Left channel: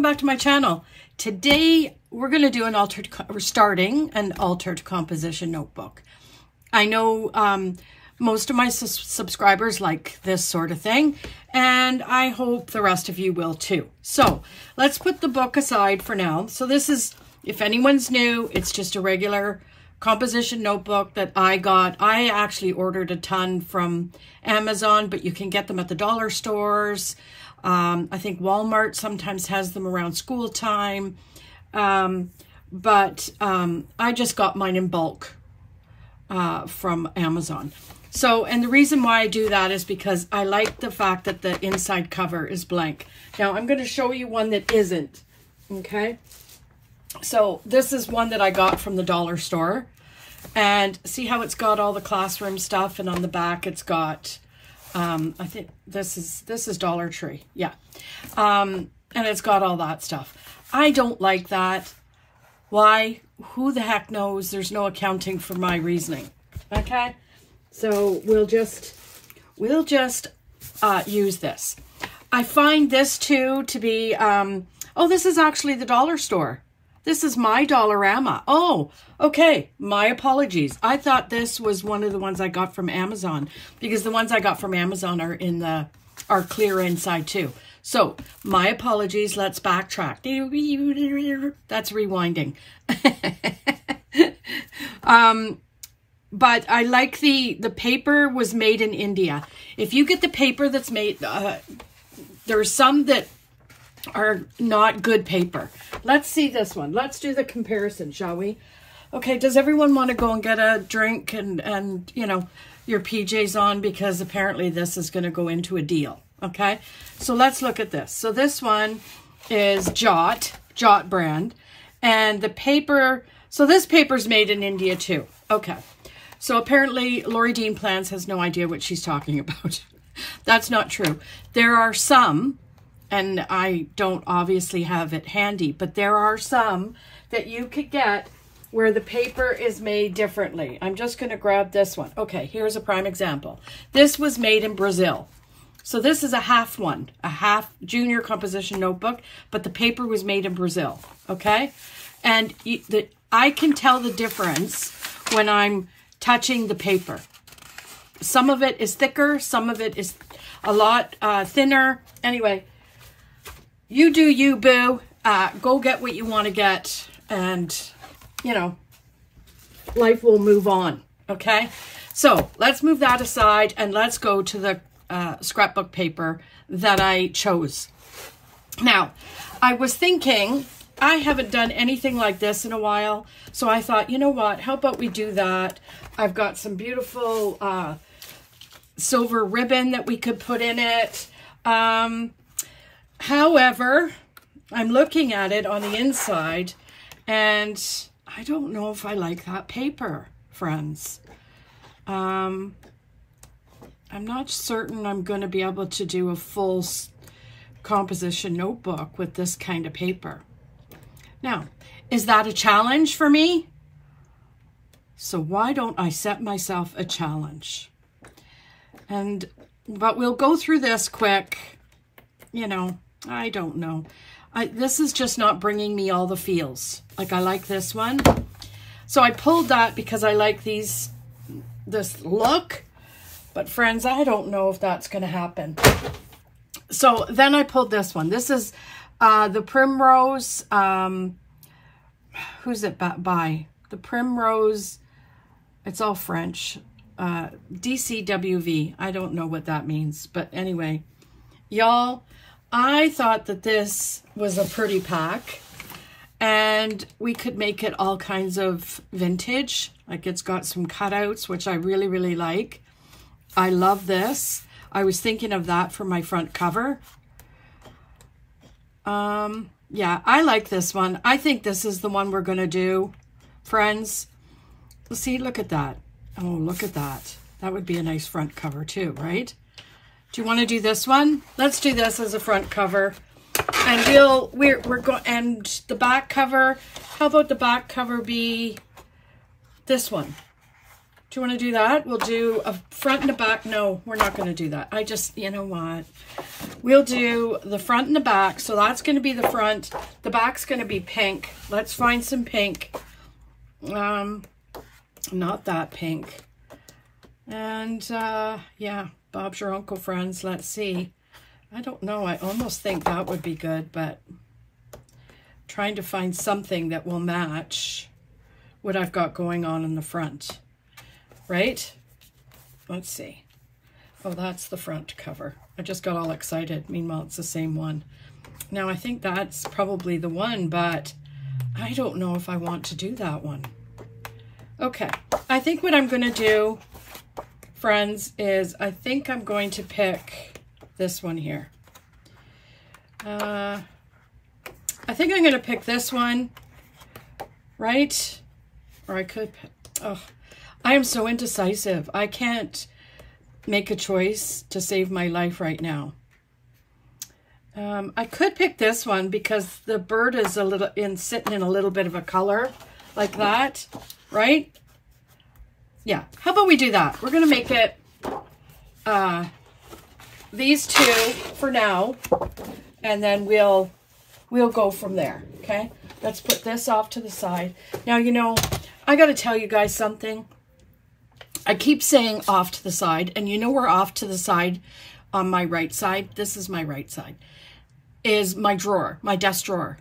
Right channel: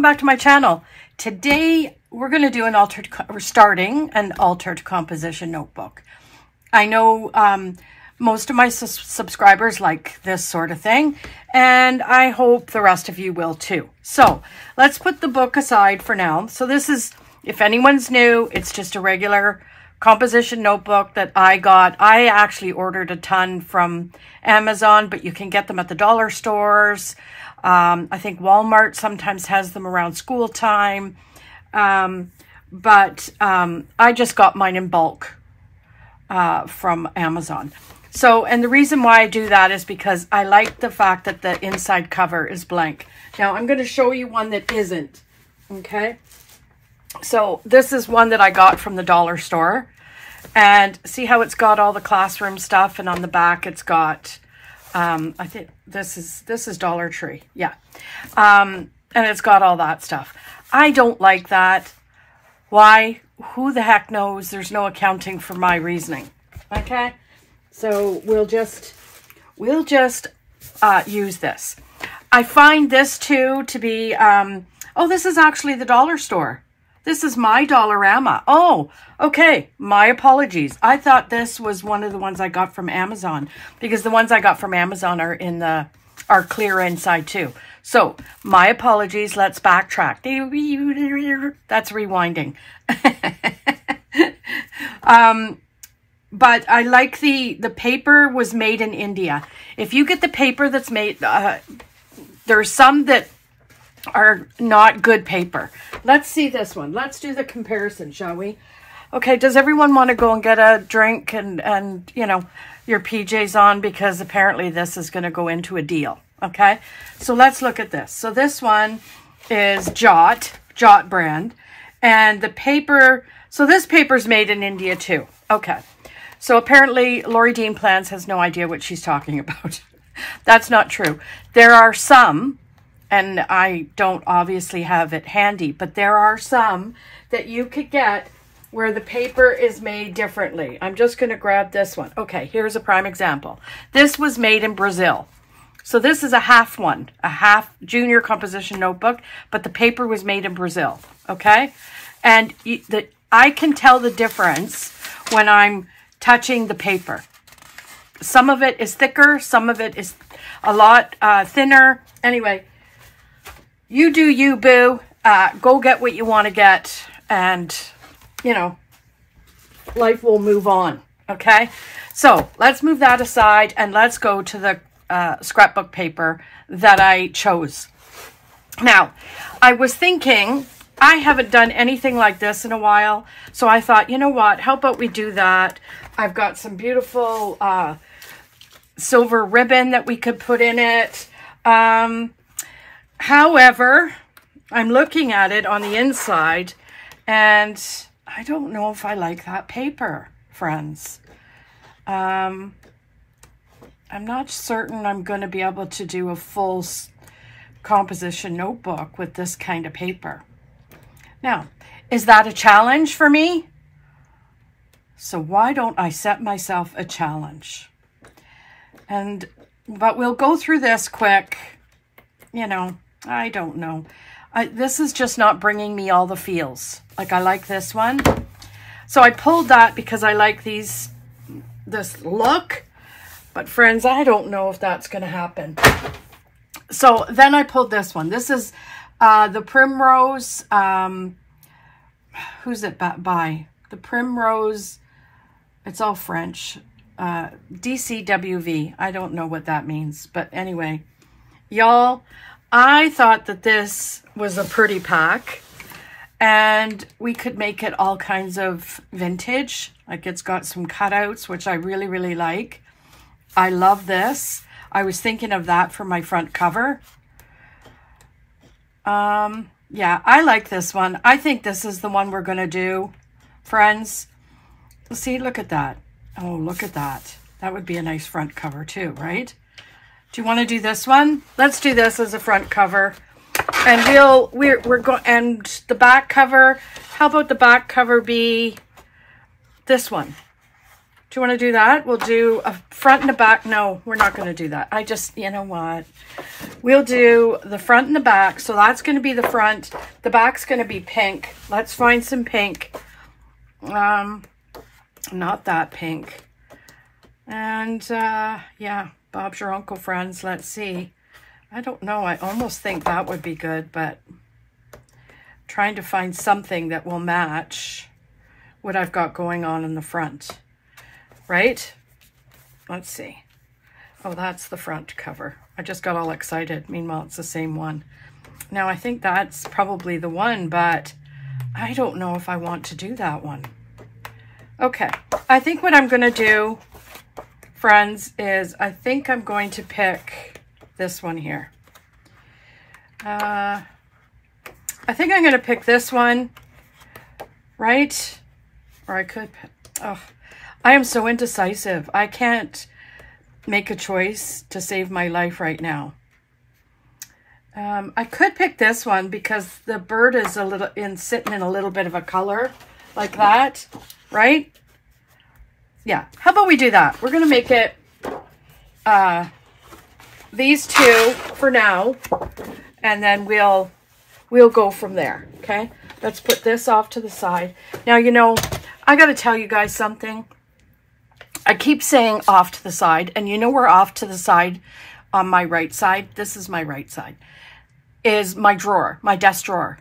welcome back to my channel. Today we're going to do we're starting an altered composition notebook. I know most of my subscribers like this sort of thing, and I hope the rest of you will too. So let's put the book aside for now. So this is, if anyone's new, it's just a regular composition notebook that I got. I actually ordered a ton from Amazon, but you can get them at the dollar stores. I think Walmart sometimes has them around school time. But I just got mine in bulk from Amazon. So, and the reason why I do that is because I like the fact that the inside cover is blank. Now I'm going to show you one that isn't. Okay. So this is one that I got from the dollar store, and see how it's got all the classroom stuff, and on the back it's got I think this is Dollar Tree. Yeah. And it's got all that stuff. I don't like that. Why? Who the heck knows? There's no accounting for my reasoning. Okay. So we'll just use this. I find this too to be, oh, this is actually the dollar store. This is my Dollarama. Oh, okay. My apologies. I thought this was one of the ones I got from Amazon, because the ones I got from Amazon are clear inside too. So my apologies. Let's backtrack. That's rewinding. But I like the paper was made in India. If you get the paper that's made, there's some that are not good paper. Let's see this one. Let's do the comparison, shall we? Okay, does everyone want to go and get a drink and you know, your PJs on, because apparently this is going to go into a deal. Okay, so let's look at this. So this one is Jot brand, and the paper, so this paper's made in India too. Okay, so apparently Lori Dean Plans has no idea what she's talking about. That's not true. There are some, and I don't obviously have it handy, but there are some that you could get where the paper is made differently. I'm just going to grab this one. Okay, here's a prime example. This was made in Brazil. So this is a half junior composition notebook, but the paper was made in Brazil. Okay, and I can tell the difference when I'm touching the paper. Some of it is thicker, some of it is a lot thinner. Anyway, you do you, boo. Go get what you want to get, and, you know, life will move on, okay? So let's move that aside, and let's go to the scrapbook paper that I chose. Now, I was thinking, I haven't done anything like this in a while, so I thought, you know what, how about we do that? I've got some beautiful silver ribbon that we could put in it. However, I'm looking at it on the inside, and I don't know if I like that paper, friends. I'm not certain I'm going to be able to do a full composition notebook with this kind of paper. Now, is that a challenge for me? So why don't I set myself a challenge? But we'll go through this quick. You know, I don't know. This is just not bringing me all the feels. Like, I like this one. So I pulled that because I like this look. But friends, I don't know if that's going to happen. So then I pulled this one. This is the Primrose. Who's it by? The Primrose. It's all French. DCWV. I don't know what that means. But anyway, y'all, I thought that this was a pretty pack. And we could make it all kinds of vintage. Like, it's got some cutouts, which I really, really like. I love this. I was thinking of that for my front cover. Yeah, I like this one. I think this is the one we're going to do, friends. See, look at that. Oh, look at that. That would be a nice front cover too, right? Do you want to do this one? Let's do this as a front cover. And we're going, and the back cover, how about the back cover be this one? Do you want to do that? We'll do a front and a back. No, we're not going to do that. I just, you know what? We'll do the front and the back. So that's going to be the front. The back's going to be pink. Let's find some pink. Not that pink. And yeah, Bob's your uncle, friends. Let's see. I don't know. I almost think that would be good, but trying to find something that will match what I've got going on in the front. Right? Let's see. Oh, that's the front cover. I just got all excited. Meanwhile, it's the same one. Now, I think that's probably the one, but I don't know if I want to do that one. Okay. I think what I'm going to do, friends, is I think I'm going to pick this one here. I think I'm going to pick this one, right? Or I could, oh, I am so indecisive. I can't make a choice to save my life right now. I could pick this one because the bird is a little sitting in a little bit of a color like that, right? Yeah. How about we do that? We're going to make it these two for now, and then we'll go from there. Okay. Let's put this off to the side. Now, you know, I got to tell you guys something. I keep saying off to the side, and you know where off to the side on my right side, this is my right side, is my drawer, my desk drawer.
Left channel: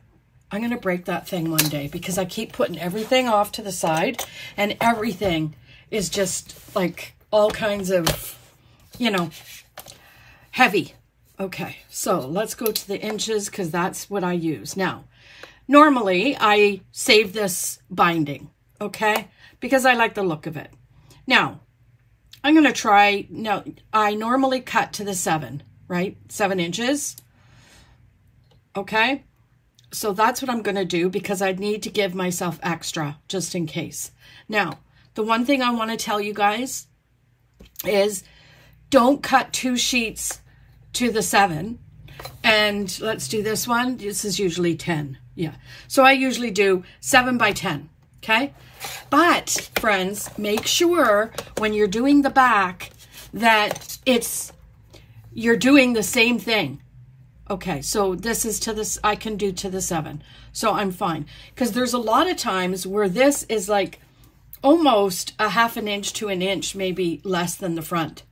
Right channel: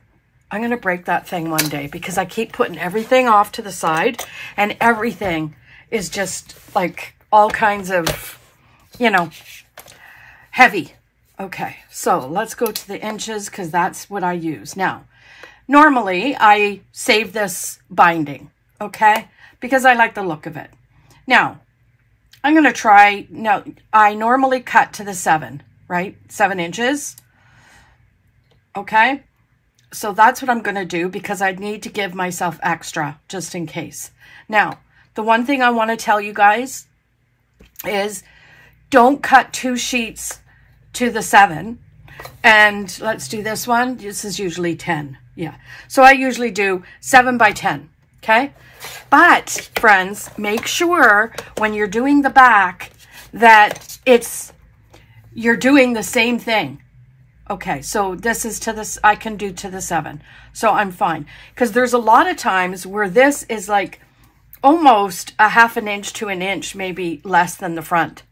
I'm going to break that thing one day because I keep putting everything off to the side, and everything is just like all kinds of, you know, heavy. Okay, so let's go to the inches because that's what I use. Now, normally I save this binding, okay, because I like the look of it. Now, I'm going to try, now, I normally cut to the 7, right? 7 inches. Okay. So that's what I'm going to do because I need to give myself extra just in case. Now, the one thing I want to tell you guys is don't cut 2 sheets to the 7. And let's do this one. This is usually 10. Yeah. So I usually do 7 by 10. Okay. But friends, make sure when you're doing the back that you're doing the same thing. Okay, so this is to this, I can do to the 7. So I'm fine. Because there's a lot of times where this is like almost a ½ an inch to an inch, maybe less than the front.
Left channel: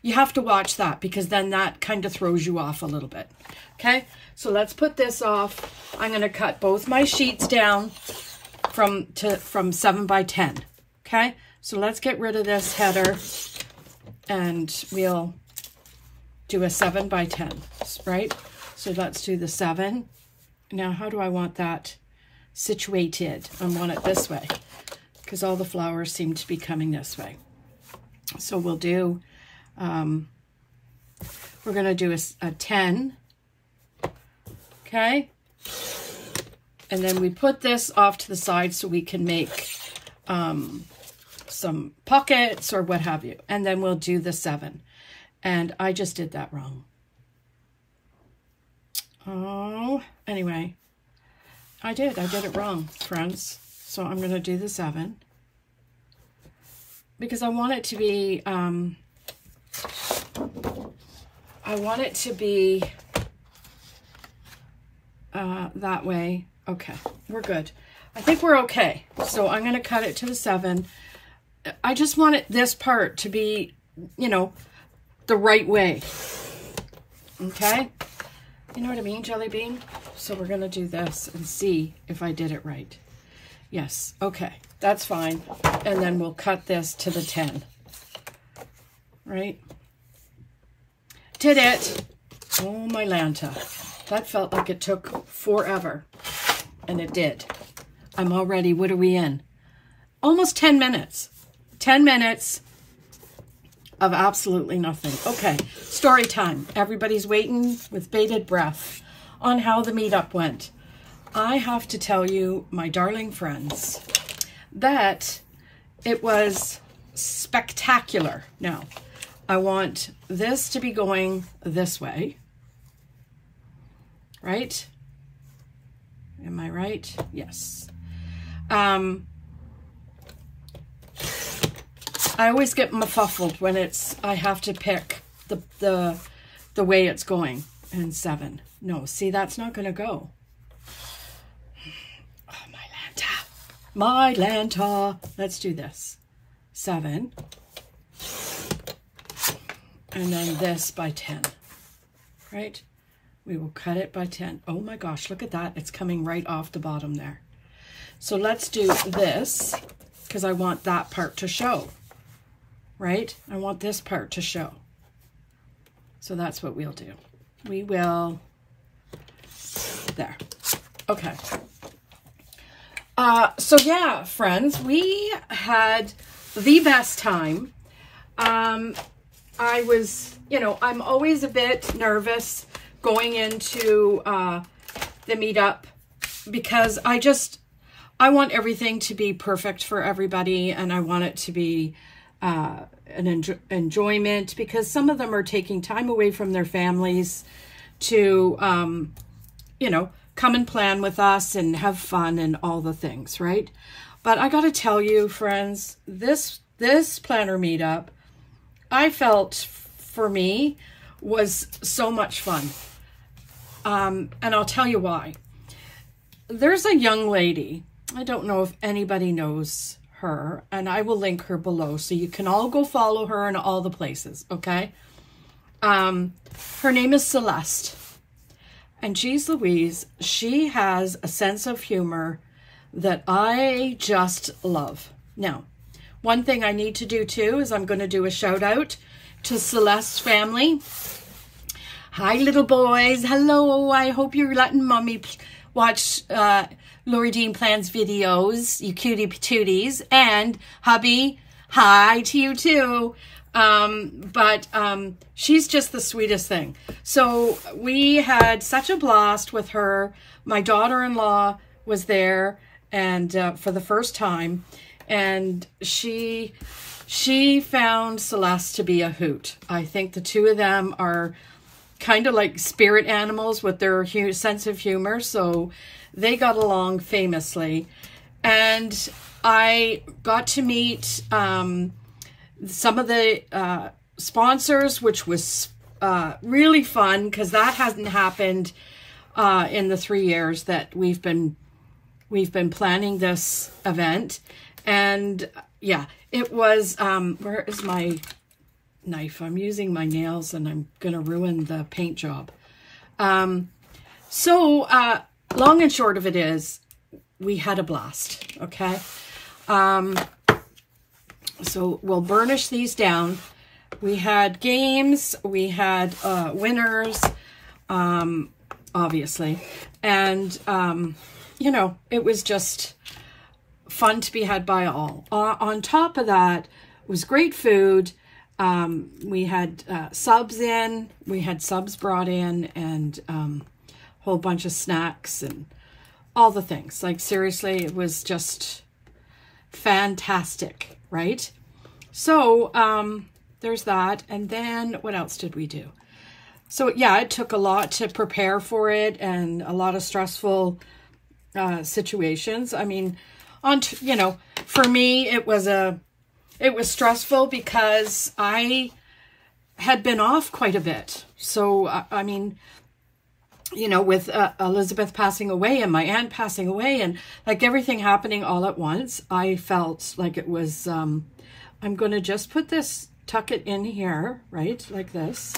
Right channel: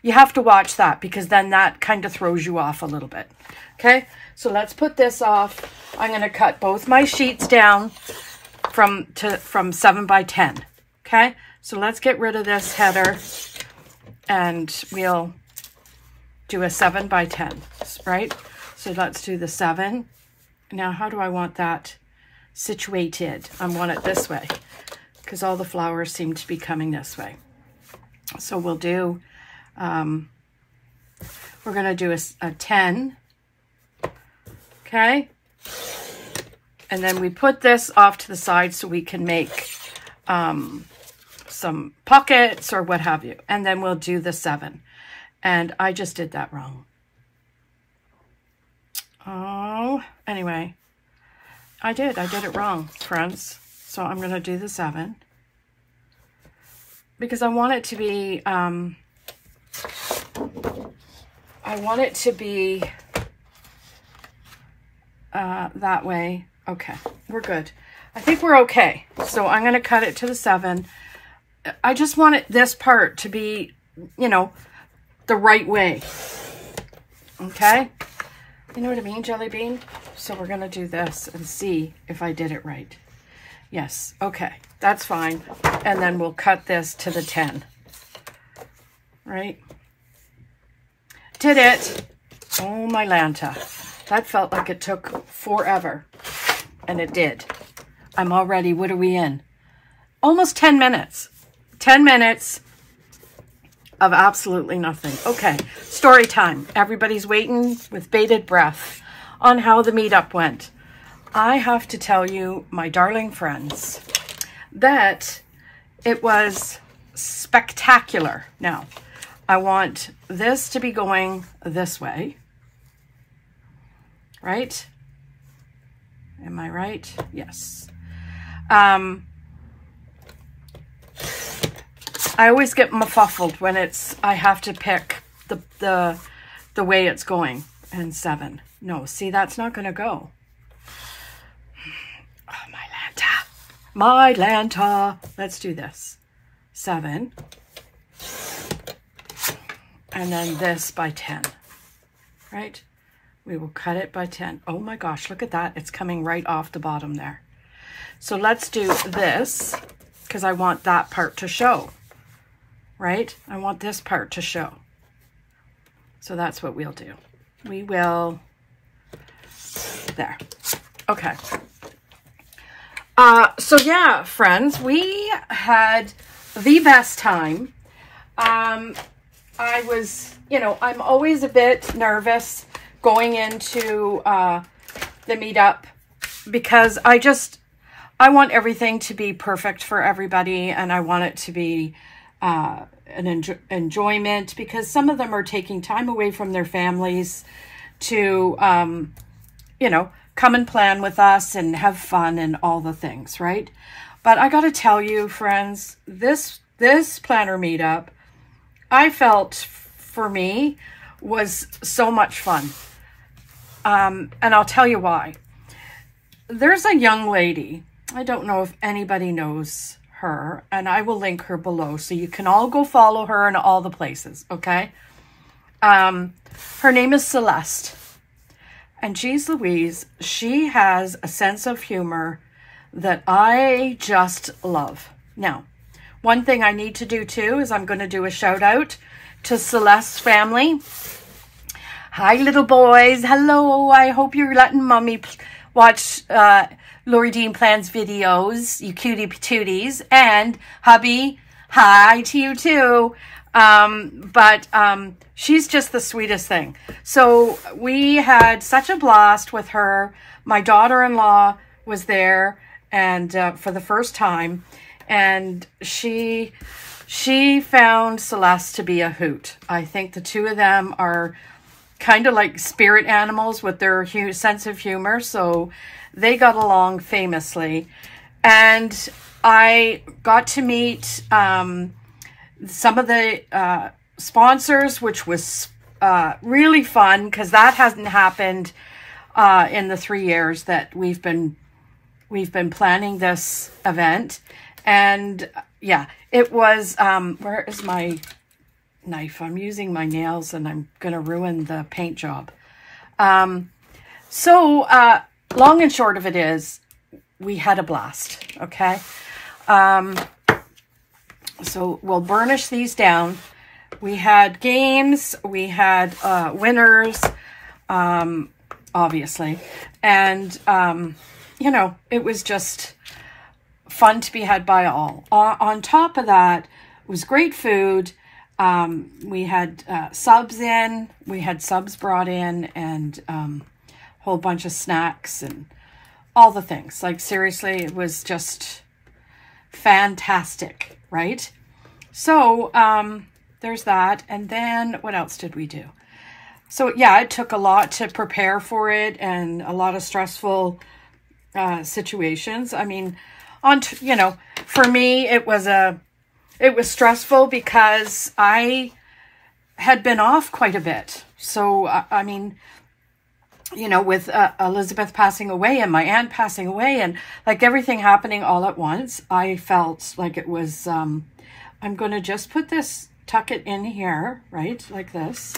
You have to watch that because then that kind of throws you off a little bit. Okay, so let's put this off. I'm going to cut both my sheets down from 7 by 10. Okay, so let's get rid of this header and we'll do a 7 by 10, right? So let's do the 7. Now, how do I want that situated? I want it this way because all the flowers seem to be coming this way. So we'll do, we're going to do a 10. Okay. And then we put this off to the side so we can make some pockets or what have you. And then we'll do the 7. And I just did that wrong. Oh, anyway, I did it wrong, friends. So I'm going to do the 7 because I want it to be, that way. Okay, we're good. I think we're okay. So I'm going to cut it to the 7. I just want this part to be, you know, the right way. Okay? You know what I mean, Jelly Bean? So we're going to do this and see if I did it right. Yes. Okay. That's fine. And then we'll cut this to the 10. Right? Did it. Oh, my Lanta. That felt like it took forever. And it did. I'm already, what are we in? Almost 10 minutes. 10 minutes of absolutely nothing. Okay, story time. Everybody's waiting with bated breath on how the meetup went. I have to tell you, my darling friends, that it was spectacular. Now, I want this to be going this way. Right? Am I right? Yes. I always get muffled when I have to pick the way it's going. And 7. No, see, that's not going to go. Oh, my Lanta. My Lanta. Let's do this. 7. And then this by 10. Right? We will cut it by 10. Oh my gosh, look at that. It's coming right off the bottom there. So let's do this because I want that part to show. Right? I want this part to show. So that's what we'll do. We will, there. Okay. So yeah, friends, we had the best time. I was, you know, I'm always a bit nervous going into the meetup because I want everything to be perfect for everybody, and I want it to be an enjoyment, because some of them are taking time away from their families to, you know, come and plan with us and have fun and all the things, right? But I got to tell you, friends, this planner meetup, I felt for me was so much fun. And I'll tell you why. There's a young lady, I don't know if anybody knows her, and I will link her below so you can all go follow her in all the places, okay? Her name is Celeste, and geez Louise, she has a sense of humor that I just love. Now, one thing I need to do too is I'm going to do a shout out to Celeste's family. Hi, little boys. Hello. I hope you're letting mommy watch Lori Dean Plans videos, you cutie patooties. And hubby, hi to you too. She's just the sweetest thing. So we had such a blast with her. My daughter-in-law was there, and for the first time, and she found Celeste to be a hoot. I think the two of them are kind of like spirit animals with their sense of humor, so they got along famously. And I got to meet some of the sponsors, which was really fun, because that hasn't happened in the 3 years that we've been planning this event. And yeah, it was, where is my knife? I'm using my nails and I'm going to ruin the paint job. So long and short of it is, we had a blast, okay? So we'll burnish these down. We had games, we had winners, obviously. And, you know, it was just fun to be had by all. On top of that, it was great food. We had subs in, we had subs brought in, and a whole bunch of snacks and all the things. Like, seriously, it was just fantastic, right? So there's that. And then what else did we do? So yeah, it took a lot to prepare for it, and a lot of stressful situations. I mean, you know, for me, it was stressful because I had been off quite a bit. So, I mean, you know, with Elizabeth passing away and my aunt passing away and like everything happening all at once, I felt like it was, I'm going to just put this, tuck it in here, right? Like this.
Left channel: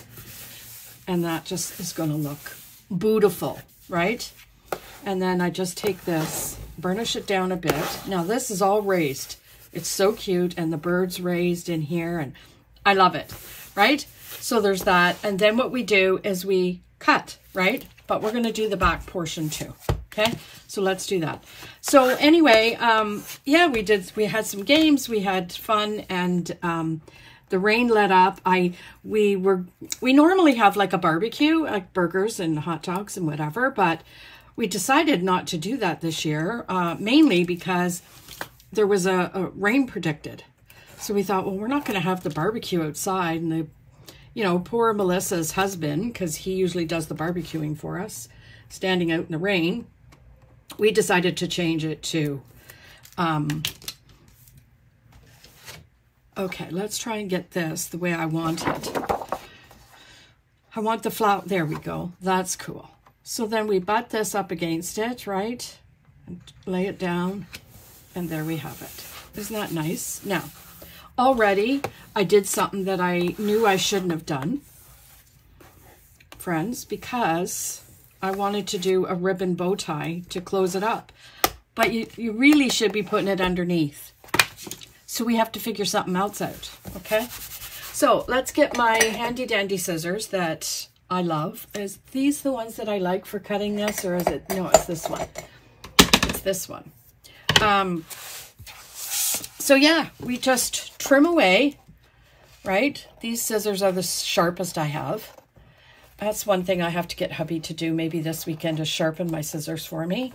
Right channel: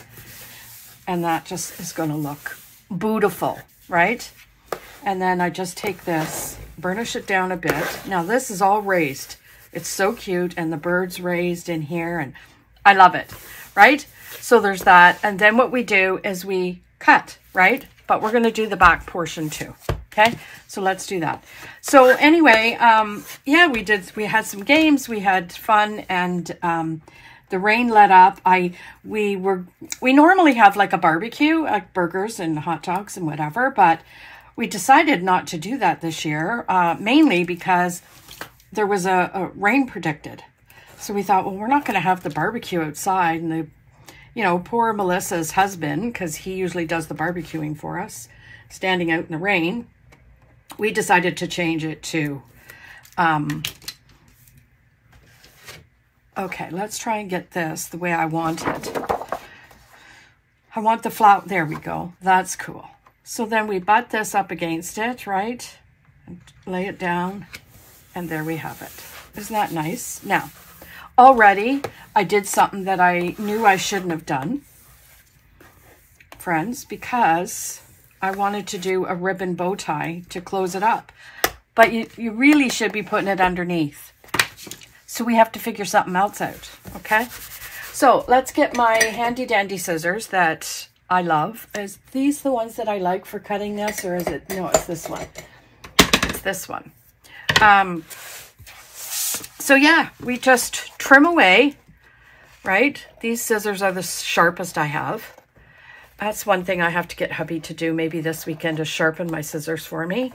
And that just is going to look beautiful, right? And then I just take this, burnish it down a bit. Now this is all raised. It's so cute, and the bird's raised in here, and I love it, right? So there's that. And then what we do is we cut, right? But we're going to do the back portion too, okay? So let's do that. So anyway, yeah, we had some games, we had fun, and the rain let up. We normally have like a barbecue, like burgers and hot dogs and whatever, but we decided not to do that this year, mainly because there was a rain predicted. So we thought, well, we're not going to have the barbecue outside. And you know, poor Melissa's husband, because he usually does the barbecuing for us, standing out in the rain. We decided to change it to Okay, let's try and get this the way I want it. I want the flower, there we go. That's cool. So then we butt this up against it, right? And lay it down, and there we have it. Isn't that nice? Now, already I did something that I knew I shouldn't have done, friends, because I wanted to do a ribbon bow tie to close it up. But you really should be putting it underneath. So we have to figure something else out, okay? So let's get my handy dandy scissors that I love. Is these the ones that I like for cutting this, or is it, no, it's this one. It's this one. So yeah, we just trim away, right? These scissors are the sharpest I have. That's one thing I have to get hubby to do maybe this weekend, is sharpen my scissors for me.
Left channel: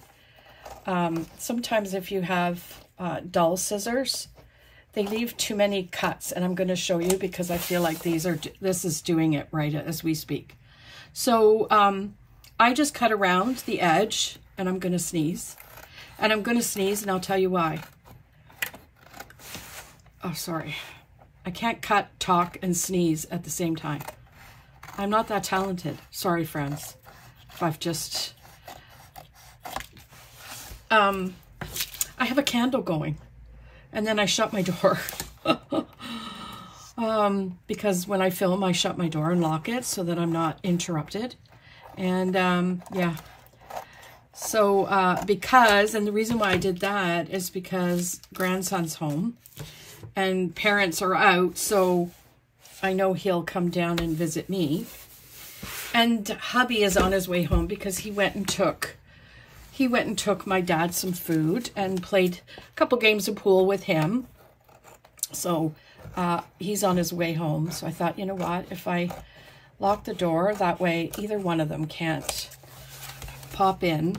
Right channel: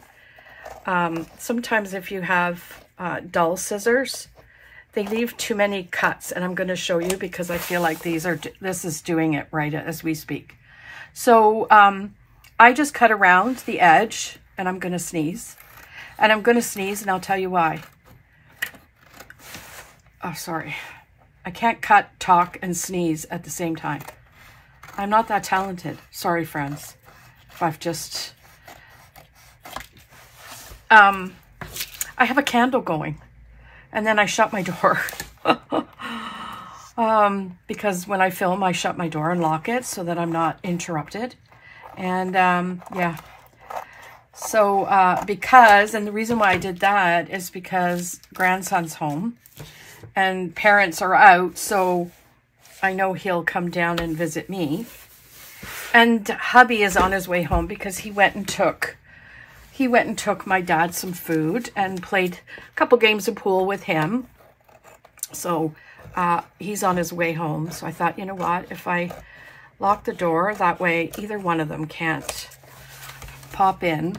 Sometimes if you have dull scissors, they leave too many cuts, and I'm going to show you because I feel like this is doing it right as we speak. So I just cut around the edge, and I'm going to sneeze. And I'm going to sneeze, and I'll tell you why. Oh, sorry. I can't cut, talk, and sneeze at the same time. I'm not that talented. Sorry, friends. If I've just... I have a candle going, and then I shut my door. Because when I film, I shut my door and lock it so that I'm not interrupted. And yeah. So and the reason why I did that is because grandson's home and parents are out, so I know he'll come down and visit me. And hubby is on his way home because he went and took my dad some food and played a couple games of pool with him. So he's on his way home. So I thought, you know what, if I lock the door, that way either one of them can't pop in.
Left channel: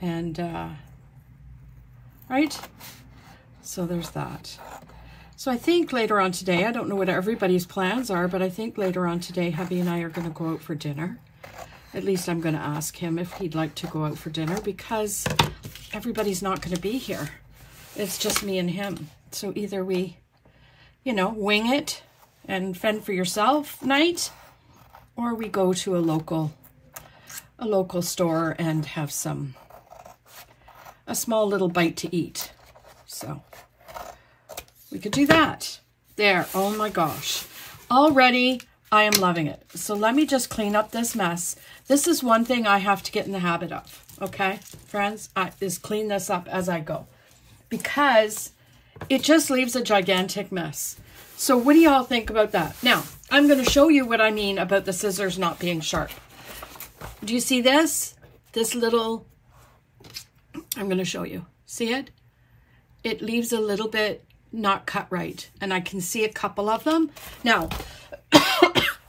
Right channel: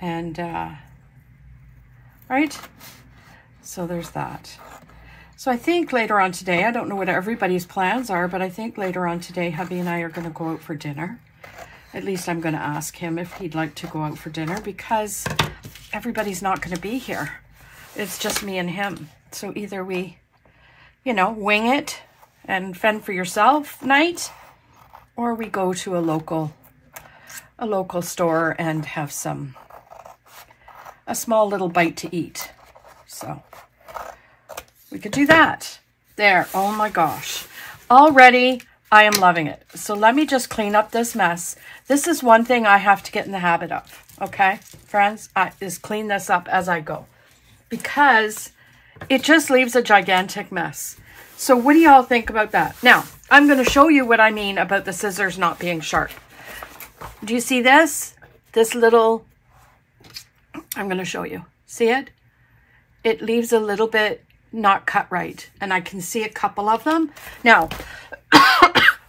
And, right? So there's that. So I think later on today, I don't know what everybody's plans are, but I think later on today, hubby and I are going to go out for dinner. At least I'm going to ask him if he'd like to go out for dinner, because everybody's not going to be here. It's just me and him. So either we, you know, wing it and fend for yourself night, or we go to a local store and have a small little bite to eat. So we could do that. There. Oh my gosh. Already I am loving it. So let me just clean up this mess. This is one thing I have to get in the habit of. Okay, friends, is clean this up as I go, because it just leaves a gigantic mess. So what do y'all think about that? Now, I'm going to show you what I mean about the scissors not being sharp. Do you see this? This little, I'm going to show you. See it? It leaves a little bit not cut right, and I can see a couple of them. Now,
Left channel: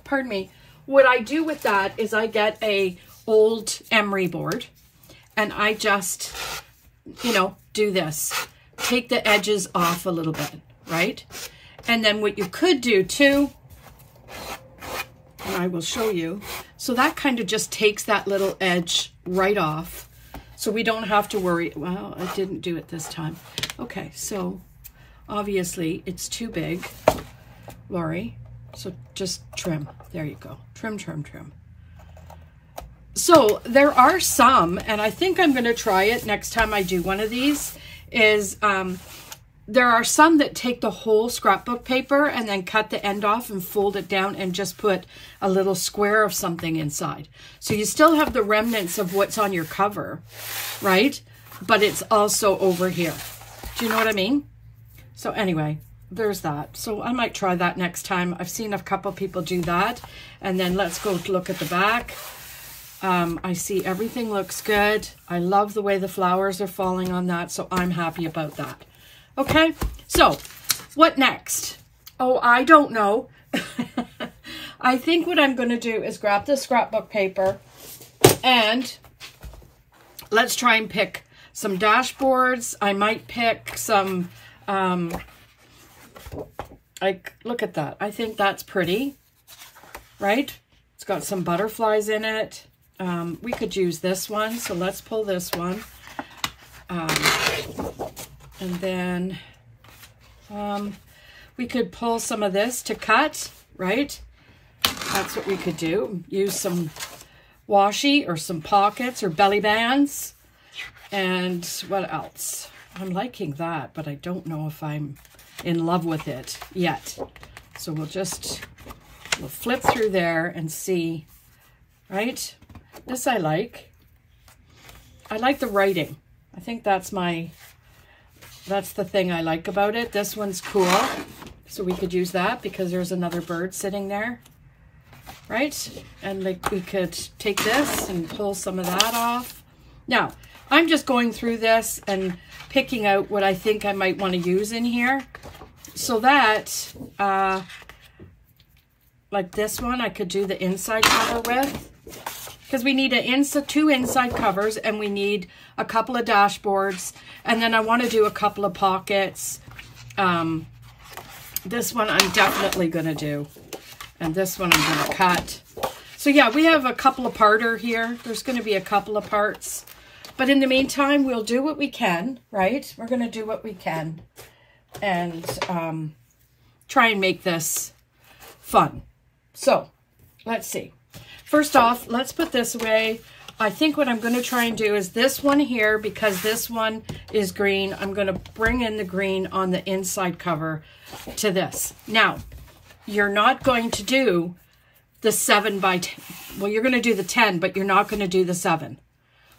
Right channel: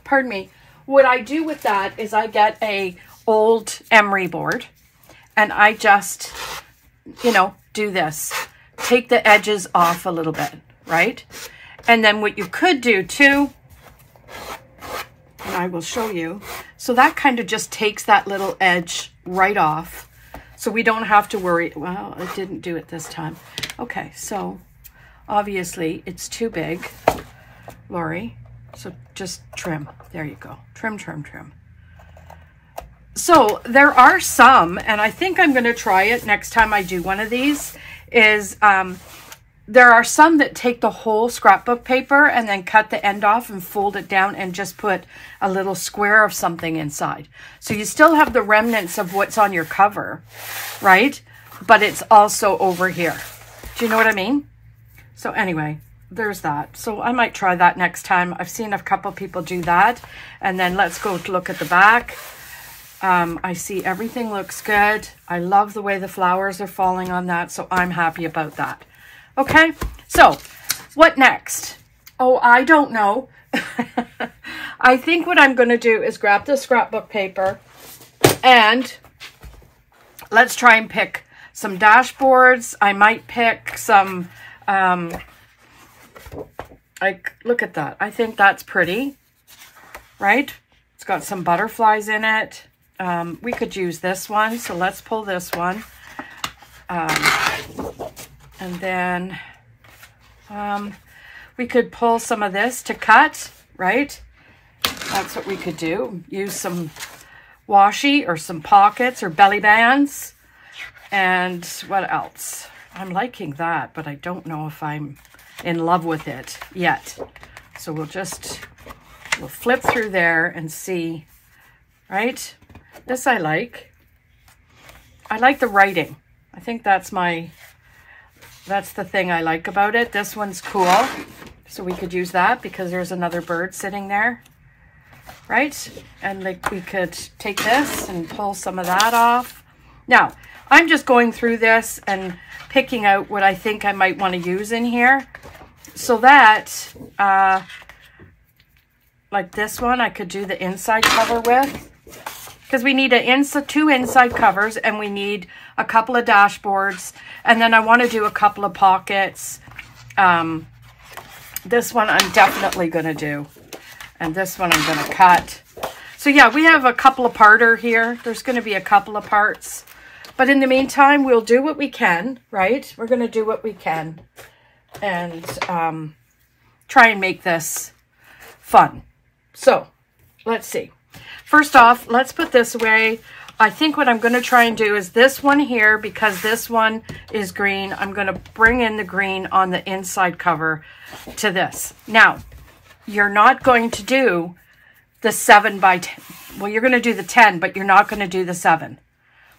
pardon me, what I do with that is I get a old emery board, and I just, you know, do this. Take the edges off a little bit, right? And then what you could do too, and I will show you, so that kind of just takes that little edge right off, so we don't have to worry. Well, I didn't do it this time. Okay, so obviously it's too big, Lori. So just trim. There you go. Trim, trim, trim. So there are some, and I think I'm going to try it next time I do one of these, is there are some that take the whole scrapbook paper and then cut the end off and fold it down and just put a little square of something inside. So you still have the remnants of what's on your cover, right? But it's also over here. Do you know what I mean? So anyway, there's that. So I might try that next time. I've seen a couple people do that. And then let's go look at the back. I see everything looks good. I love the way the flowers are falling on that. So I'm happy about that. Okay, so what next? Oh, I don't know. I think what I'm going to do is grab the scrapbook paper and let's try and pick some dashboards. I might pick some, look at that. I think that's pretty, right? It's got some butterflies in it. We could use this one. So let's pull this one. And then We could pull some of this to cut, right? That's what we could do. Use some washi or some pockets or belly bands. And what else? I'm liking that, but I don't know if I'm in love with it yet. So we'll flip through there and see, right? This I like. I like the writing. I think that's the thing I like about it. This one's cool. So we could use that because there's another bird sitting there, right? And like we could take this and pull some of that off. Now, I'm just going through this and picking out what I think I might want to use in here. So that, like this one, I could do the inside cover with. Because we need two inside covers and we need a couple of dashboards. And then I want to do a couple of pockets. This one I'm definitely going to do. And this one I'm going to cut. So yeah, we have a couple of parter here. There's going to be a couple of parts. But in the meantime, we'll do what we can, right? We're going to do what we can. And try and make this fun. So, let's see. First off, let's put this away. I think what I'm going to try and do is this one here, because this one is green, I'm going to bring in the green on the inside cover to this. Now, you're not going to do the 7 by 10. Well, you're going to do the 10, but you're not going to do the 7.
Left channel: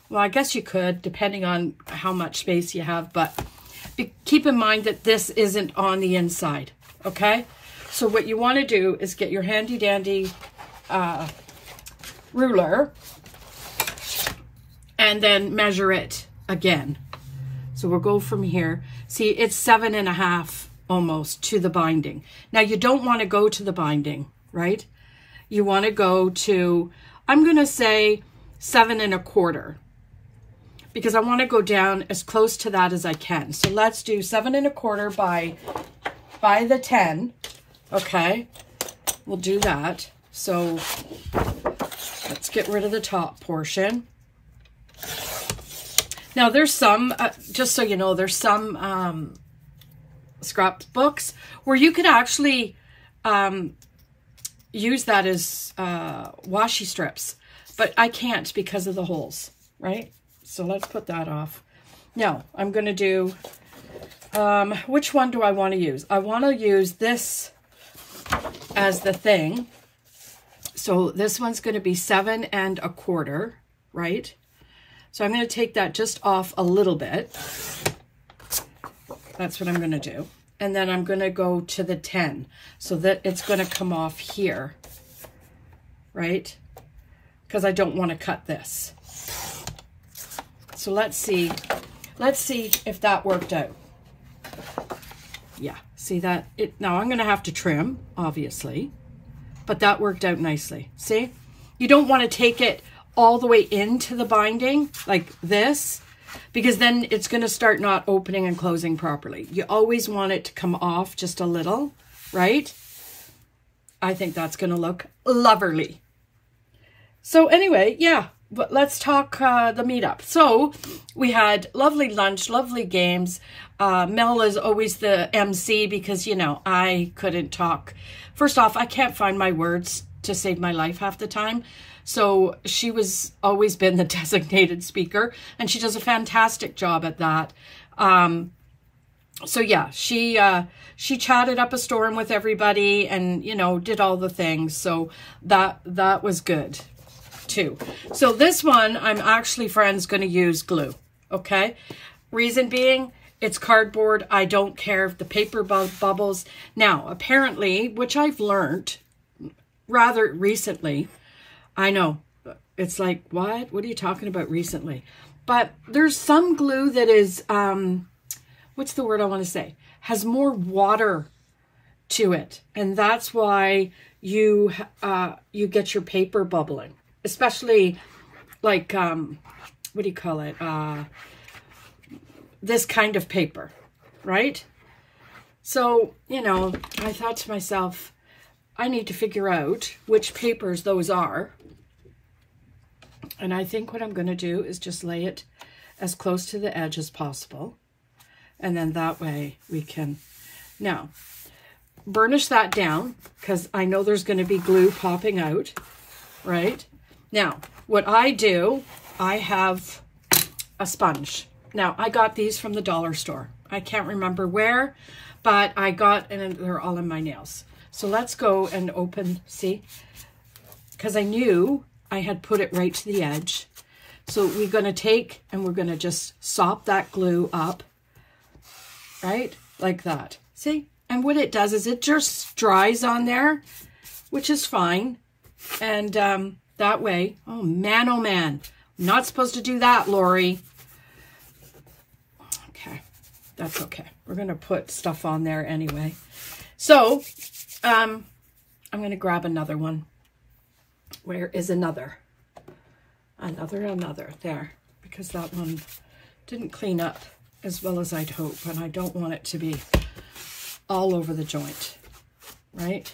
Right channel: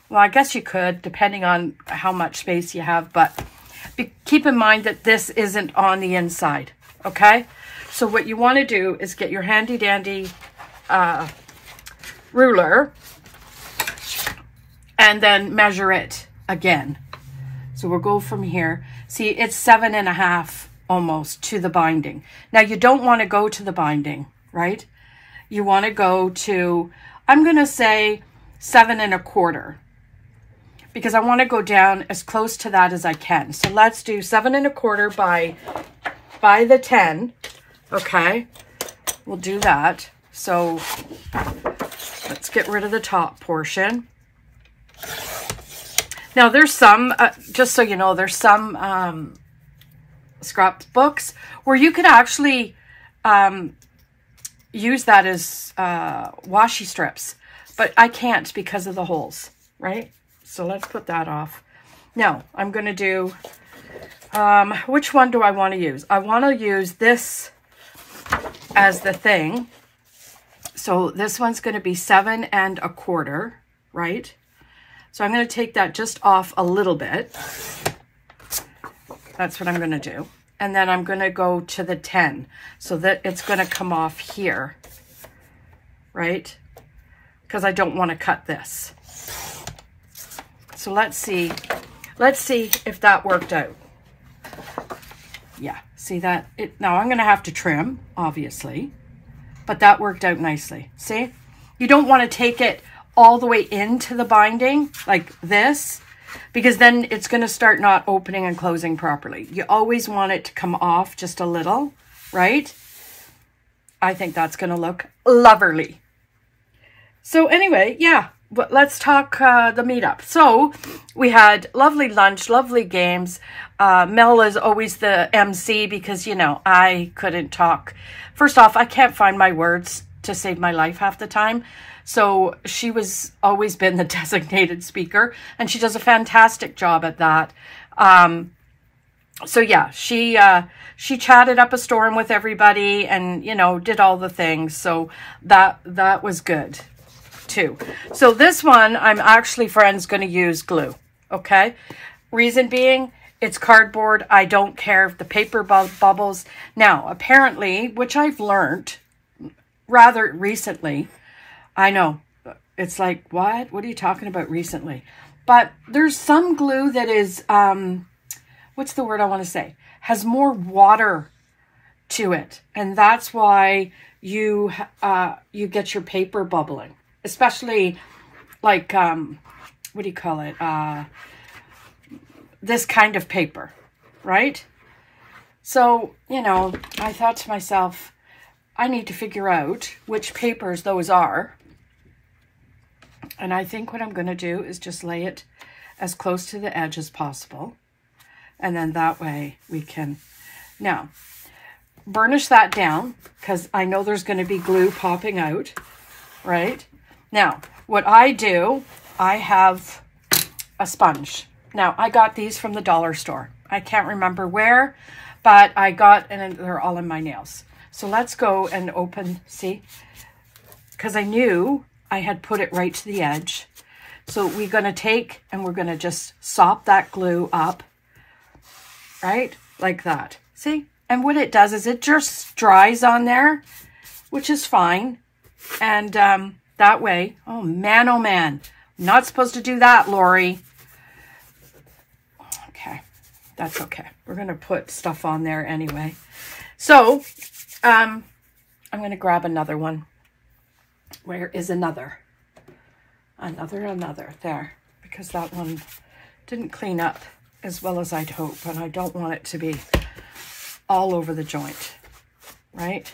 Well, I guess you could, depending on how much space you have, but keep in mind that this isn't on the inside, okay? So what you want to do is get your handy dandy ruler and then measure it again. So we'll go from here. See, it's 7.5 almost to the binding. Now you don't want to go to the binding, right? You want to go to, I'm going to say 7.25, because I want to go down as close to that as I can. So let's do 7.25 by the 10. Okay, we'll do that. So let's get rid of the top portion. Now there's some, just so you know, there's some scrapbooks where you could actually use that as washi strips, but I can't because of the holes, right? So let's put that off. Now I'm going to do, which one do I want to use? I want to use this as the thing. So this one's going to be 7.25, right? So I'm going to take that just off a little bit. That's what I'm going to do. And then I'm going to go to the 10 so that it's going to come off here, right? Because I don't want to cut this. So let's see if that worked out. Yeah, see that? Now I'm going to have to trim, obviously, but that worked out nicely. See? You don't want to take it all the way into the binding like this, because then it's going to start not opening and closing properly. You always want it to come off just a little, right? I think that's going to look lovely. So anyway, yeah, but let's talk the meetup. So we had lovely lunch, lovely games. Mel is always the MC because, you know, I couldn't talk. First off, I can't find my words to save my life half the time. So she was always been the designated speaker, and she does a fantastic job at that. So yeah, she chatted up a storm with everybody and, you know, did all the things. So that was good too. So this one, I'm actually, friends, going to use glue. Okay. Reason being, it's cardboard. I don't care if the paper bubbles. Now, apparently, which I've learned rather recently, I know, it's like, what? What are you talking about recently? But there's some glue that is, what's the word I want to say? Has more water to it. And that's why you get your paper bubbling. Especially like, what do you call it? This kind of paper, right? So, you know, I thought to myself, I need to figure out which papers those are. And I think what I'm going to do is just lay it as close to the edge as possible. And then that way we can... Now, burnish that down because I know there's going to be glue popping out, right? Now, what I do, I have a sponge. Now, I got these from the dollar store. I can't remember where, but I got, and they're all in my nails. So let's go and open, see? Because I knew I had put it right to the edge. So we're going to take and we're going to just sop that glue up, right? Like that. See? And what it does is it just dries on there, which is fine. And that way, oh man, I'm not supposed to do that, Lori. Okay, that's okay. We're going to put stuff on there anyway. So I'm going to grab another one. Where is another? Another there, because that one didn't clean up as well as I'd hope, and I don't want it to be all over the joint, right?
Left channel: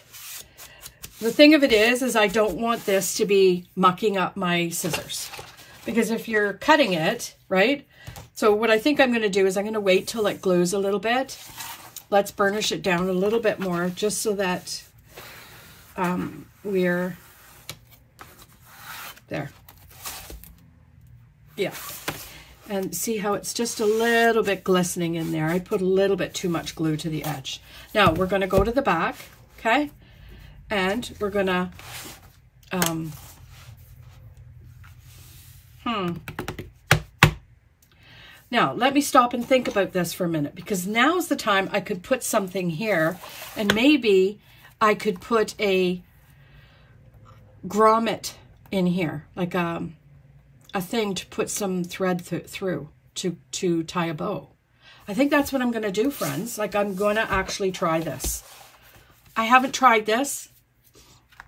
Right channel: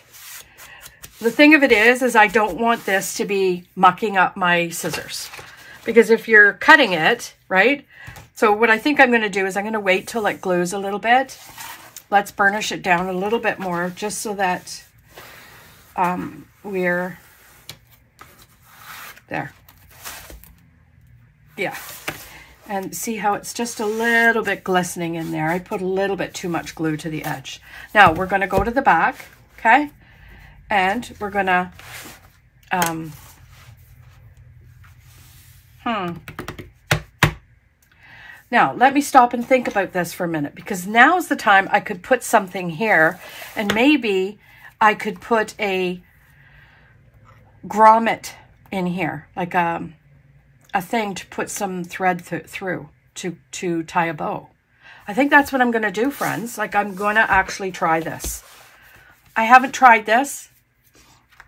The thing of it is I don't want this to be mucking up my scissors, because if you're cutting it, right? So what I think I'm going to do is I'm going to wait till it glues a little bit. Let's burnish it down a little bit more, just so that we're there. Yeah. And see how it's just a little bit glistening in there. I put a little bit too much glue to the edge. Now we're going to go to the back, okay? And we're going to, Now, let me stop and think about this for a minute, because now's the time I could put something here, and maybe I could put a grommet in here, like a thing to put some thread through to tie a bow. I think that's what I'm going to do, friends. Like, I'm going to actually try this. I haven't tried this.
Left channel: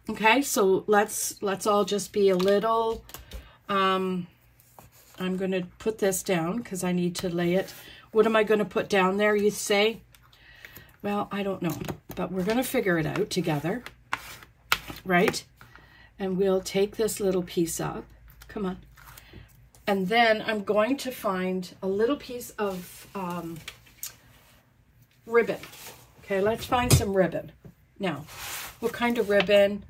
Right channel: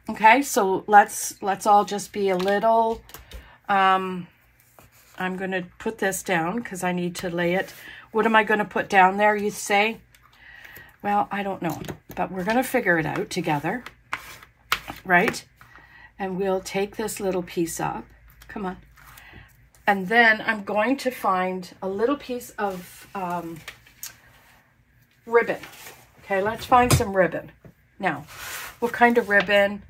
Okay, so let's all just be a little, I'm going to put this down because I need to lay it. What am I going to put down there, you say? Well, I don't know, but we're going to figure it out together, right? And we'll take this little piece up. Come on. And then I'm going to find a little piece of ribbon. Okay, let's find some ribbon. Now, what kind of ribbon?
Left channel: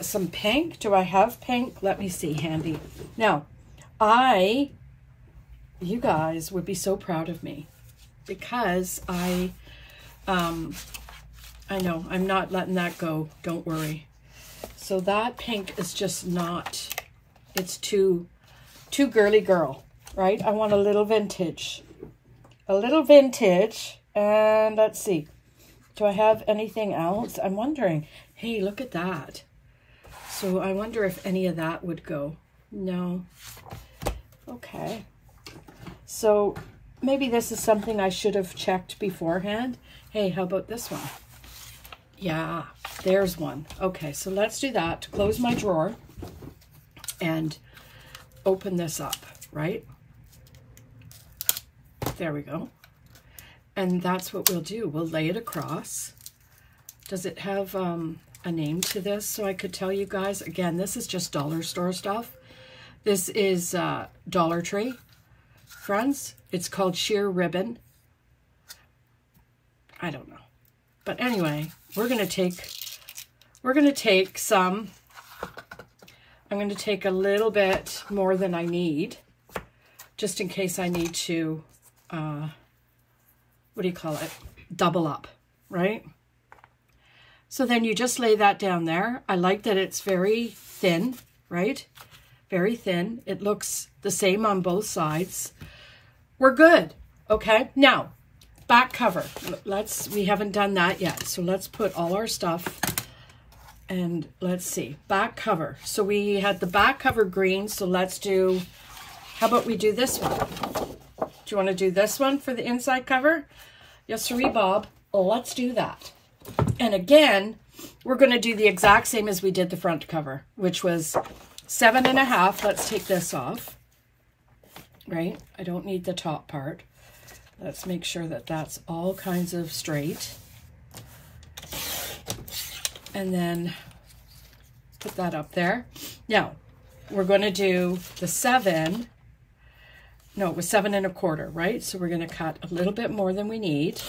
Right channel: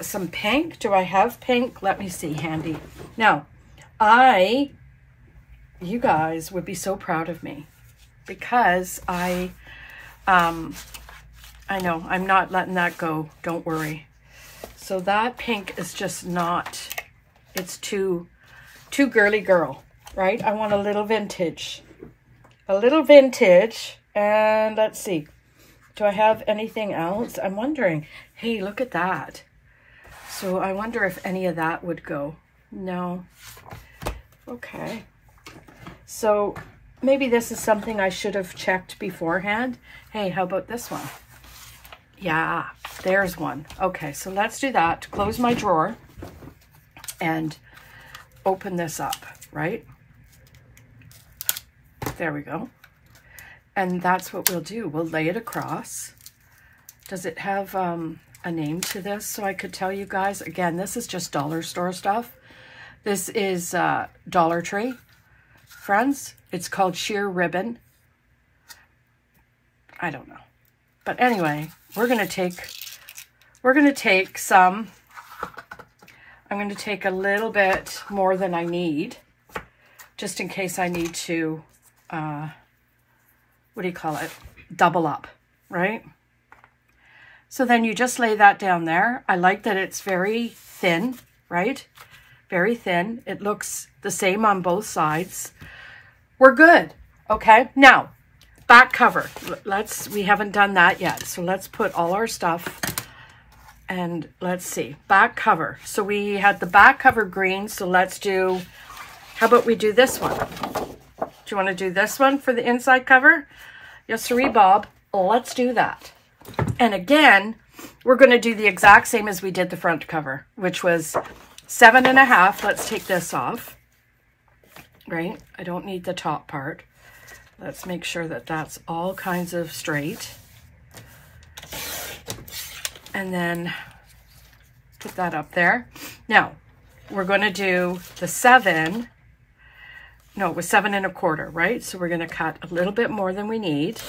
Some pink. Do I have pink? Let me see, handy. Now, you guys would be so proud of me, because I know, I'm not letting that go. Don't worry. So that pink is just not, it's too girly girl, right? I want a little vintage. And let's see. Do I have anything else? I'm wondering. Hey, look at that. So I wonder if any of that would go. No. Okay. So maybe this is something I should have checked beforehand. Hey, how about this one? Yeah, there's one. Okay, so let's do that. Close my drawer and open this up, right? There we go. And that's what we'll do. We'll lay it across. Does it have a name to this so I could tell you guys? Again, this is just dollar store stuff. This is Dollar Tree, friends. It's called sheer ribbon. I don't know. But anyway, we're going to take some, I'm going to take a little bit more than I need, just in case I need to, what do you call it? Double up, right? So then you just lay that down there. I like that it's very thin, right? Very thin. It looks the same on both sides. We're good. Okay. Now, back cover. We haven't done that yet. So let's put all our stuff and let's see. Back cover. So we had the back cover green. So let's do, how about we do this one? Do you want to do this one for the inside cover? Yes, sirree, Bob. Let's do that. And again, we're going to do the exact same as we did the front cover, which was 7.5. Let's take this off, right? I don't need the top part. Let's make sure that that's all kinds of straight. And then put that up there. Now, we're going to do the 7. No, it was 7.25, right? So we're going to cut a little bit more than we need.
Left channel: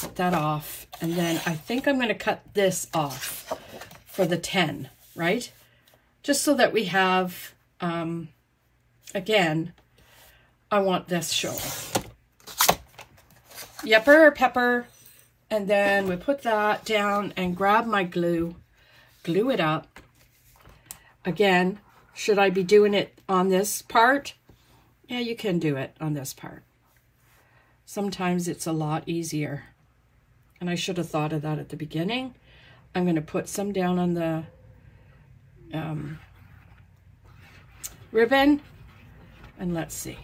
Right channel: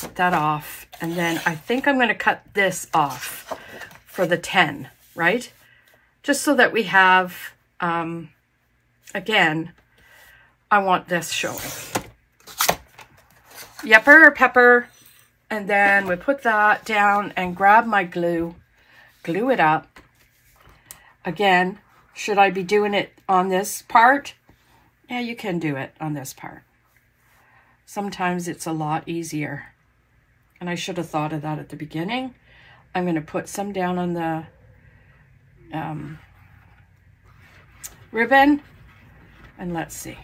Put that off And then I think I'm going to cut this off for the 10, right? Just so that we have, again, I want this showing. Yepper, pepper. And then we put that down and grab my glue, glue it up. Again, should I be doing it on this part? Yeah, you can do it on this part. Sometimes it's a lot easier. And I should have thought of that at the beginning. I'm going to put some down on the ribbon. And let's see.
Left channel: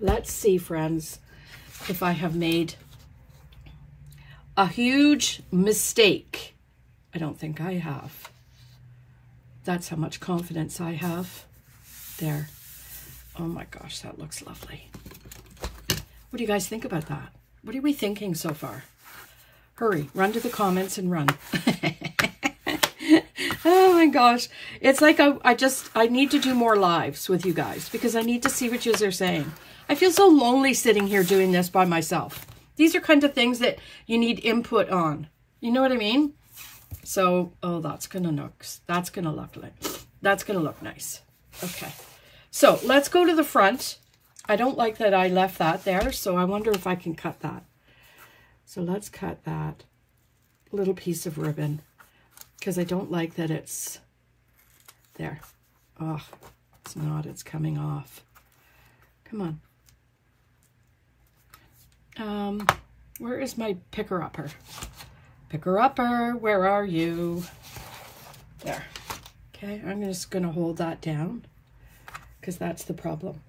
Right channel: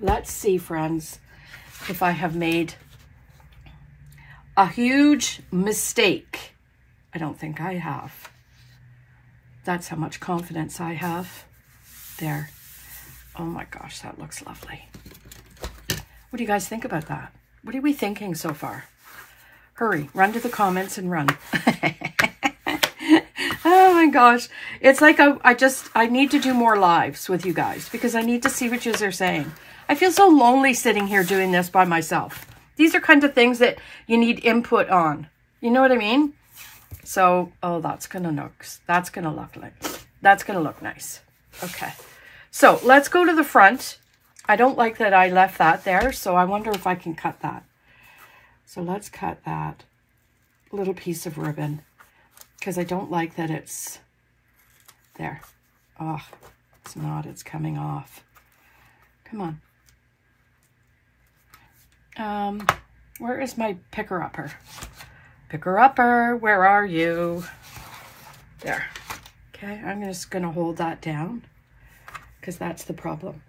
Let's see, friends, if I have made a huge mistake. I don't think I have. That's how much confidence I have. There. Oh my gosh, that looks lovely. What do you guys think about that? What are we thinking so far? Hurry, run to the comments and run. Oh my gosh. It's like I need to do more lives with you guys because I need to see what you are saying. I feel so lonely sitting here doing this by myself. These are kind of things that you need input on. You know what I mean? So, oh, that's going to look nice. Okay. So let's go to the front. I don't like that I left that there, so I wonder if I can cut that. So let's cut that little piece of ribbon because I don't like that it's there. Oh, it's not, it's coming off. Come on. Where is my picker-upper? Picker-upper, where are you? There. Okay, I'm just going to hold that down because that's the problem.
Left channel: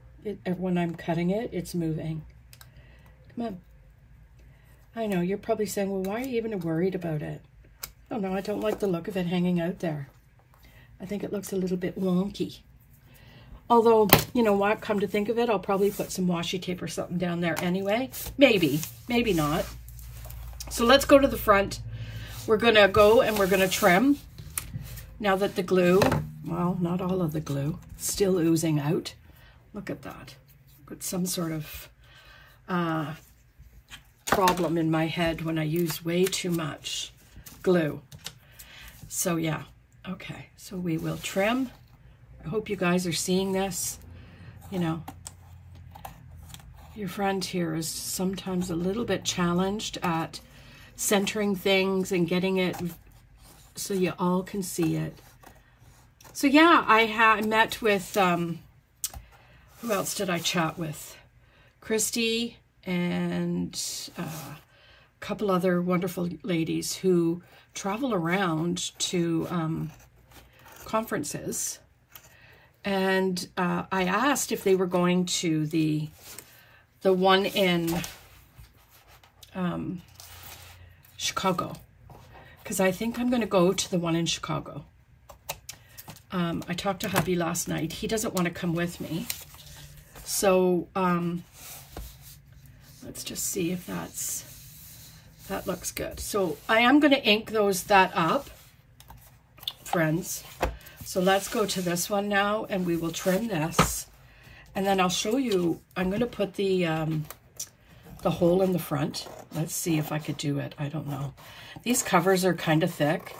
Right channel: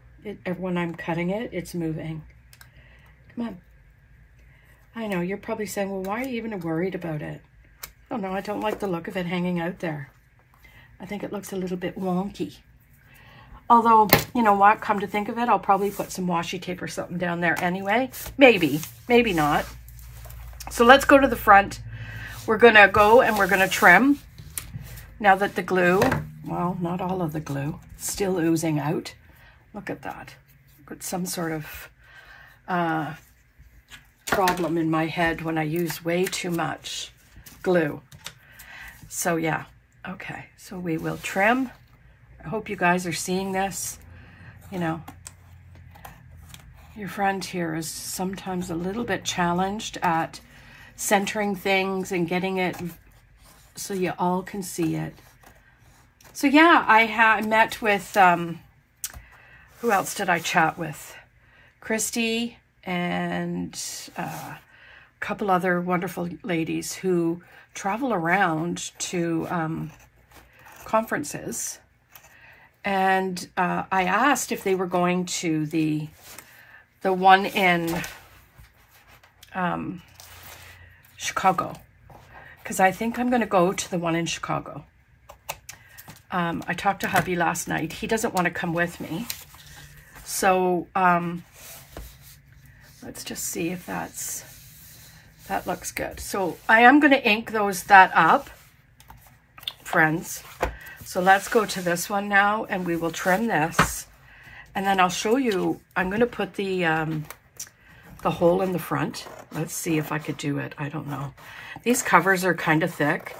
When I'm cutting it, it's moving. Come on. I know, you're probably saying, well, why are you even worried about it? Oh no, I don't like the look of it hanging out there. I think it looks a little bit wonky. Although, you know what, come to think of it, I'll probably put some washi tape or something down there anyway. Maybe, maybe not. So let's go to the front. We're going to go and we're going to trim. Now that the glue, well, not all of the glue, still oozing out. Look at that. Got some sort of problem in my head when I use way too much glue. So yeah, okay. So we will trim. I hope you guys are seeing this. You know, your friend here is sometimes a little bit challenged at centering things and getting it so you all can see it. So yeah, I met with, who else did I chat with? Christy and a couple other wonderful ladies who travel around to conferences. And I asked if they were going to the one in Chicago, because I think I'm going to go to the one in Chicago. I talked to hubby last night. He doesn't want to come with me. So let's just see if that looks good. So I am going to ink that up, friends. So let's go to this one now and we will trim this. And then I'll show you, I'm going to put the hole in the front. Let's see if I could do it. I don't know. These covers are kind of thick.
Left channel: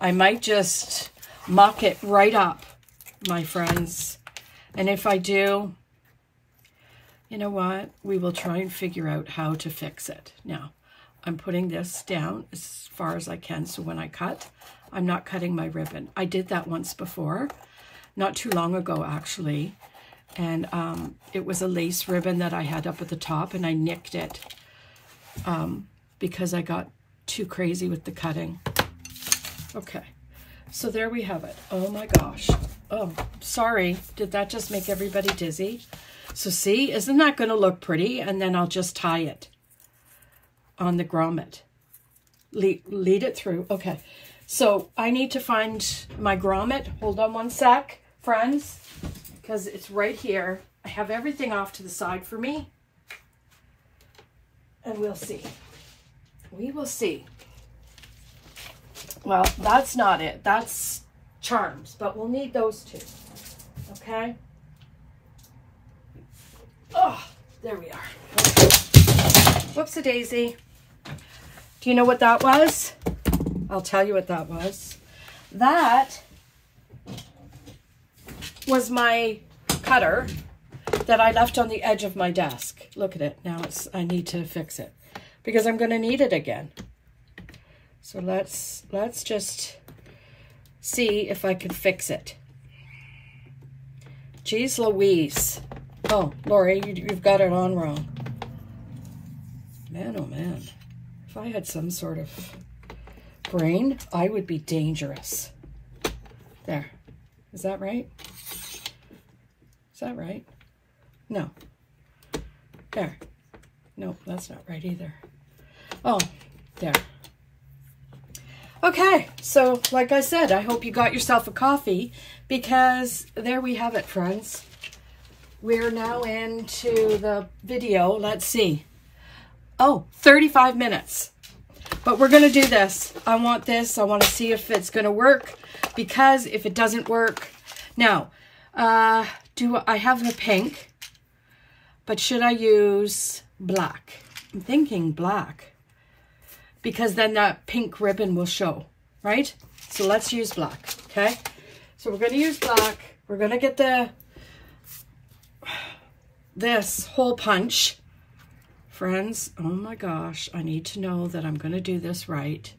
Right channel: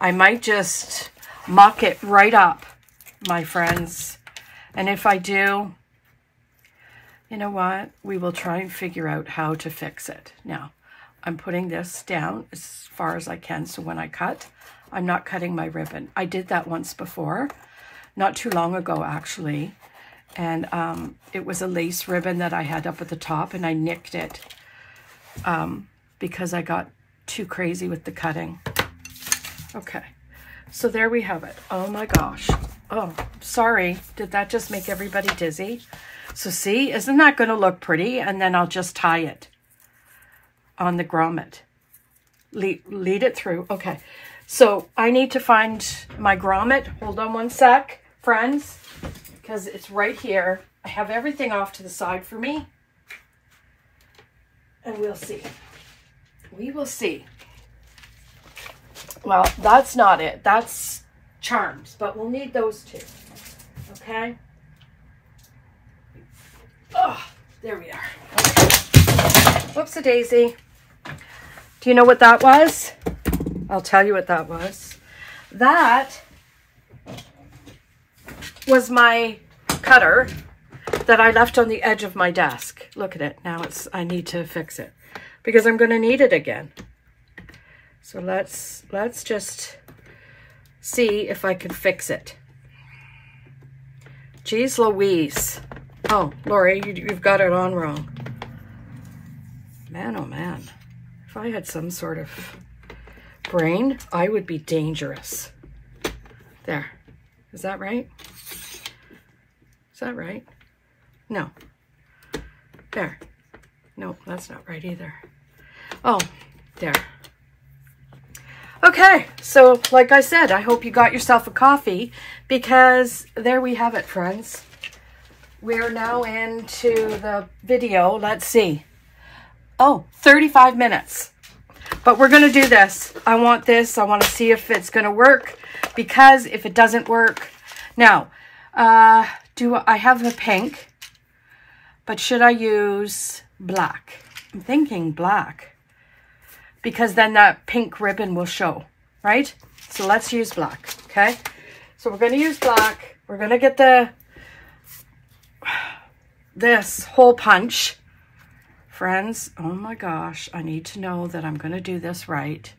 I might just muck it right up, my friends. And if I do, you know what? We will try and figure out how to fix it. Now, I'm putting this down as far as I can. So when I cut, I'm not cutting my ribbon. I did that once before, not too long ago, actually. And it was a lace ribbon that I had up at the top and I nicked it because I got too crazy with the cutting. Okay, so there we have it. Oh my gosh. Oh, sorry. Did that just make everybody dizzy? So see, isn't that going to look pretty? And then I'll just tie it on the grommet. Lead it through. Okay, so I need to find my grommet. Hold on one sec, friends, because it's right here. I have everything off to the side for me. And we'll see. We will see. Well, that's not it. That's charms, but we'll need those two. Okay. Oh, there we are. Okay. Whoops-a-daisy. Do you know what that was? I'll tell you what that was. That was my cutter that I left on the edge of my desk. Look at it. Now I need to fix it because I'm going to need it again. So let's just see if I can fix it. Jeez Louise. Oh, Lori, you've got it on wrong. Man, oh man. If I had some sort of brain, I would be dangerous. There. Is that right? Is that right? No. There. No, that's not right either. Oh, there. Okay, so like I said, I hope you got yourself a coffee because there we have it, friends. We're now into the video. Let's see. Oh, 35 minutes. But we're going to do this. I want this. I want to see if it's going to work because if it doesn't work. Now, I have the pink, but should I use black? I'm thinking black because then that pink ribbon will show, right? So let's use black, okay? So we're going to use black. We're going to get this hole punch. Friends, oh my gosh, I need to know that I'm going to do this right?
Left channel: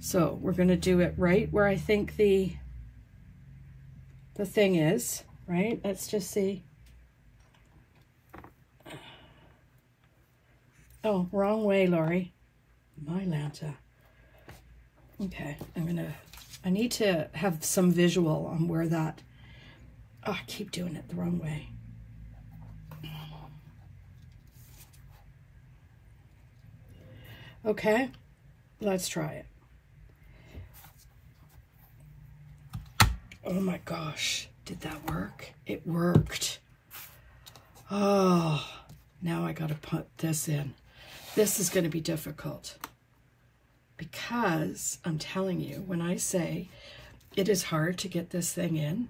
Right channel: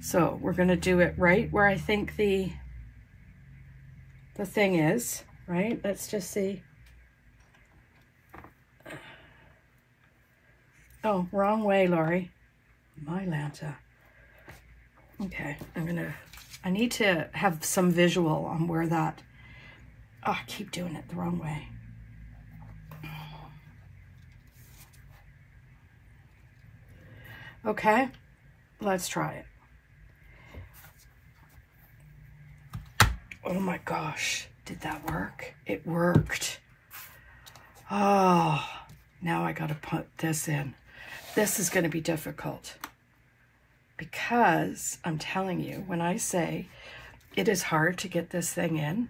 So we're going to do it right where I think the thing is, right? Let's just see. Oh, wrong way, Lori. My Lanta. Okay, I need to have some visual on where that, oh, I keep doing it the wrong way. Okay, let's try it. Oh my gosh, did that work? It worked. Oh, now I gotta put this in. This is gonna be difficult because I'm telling you, when I say it is hard to get this thing in,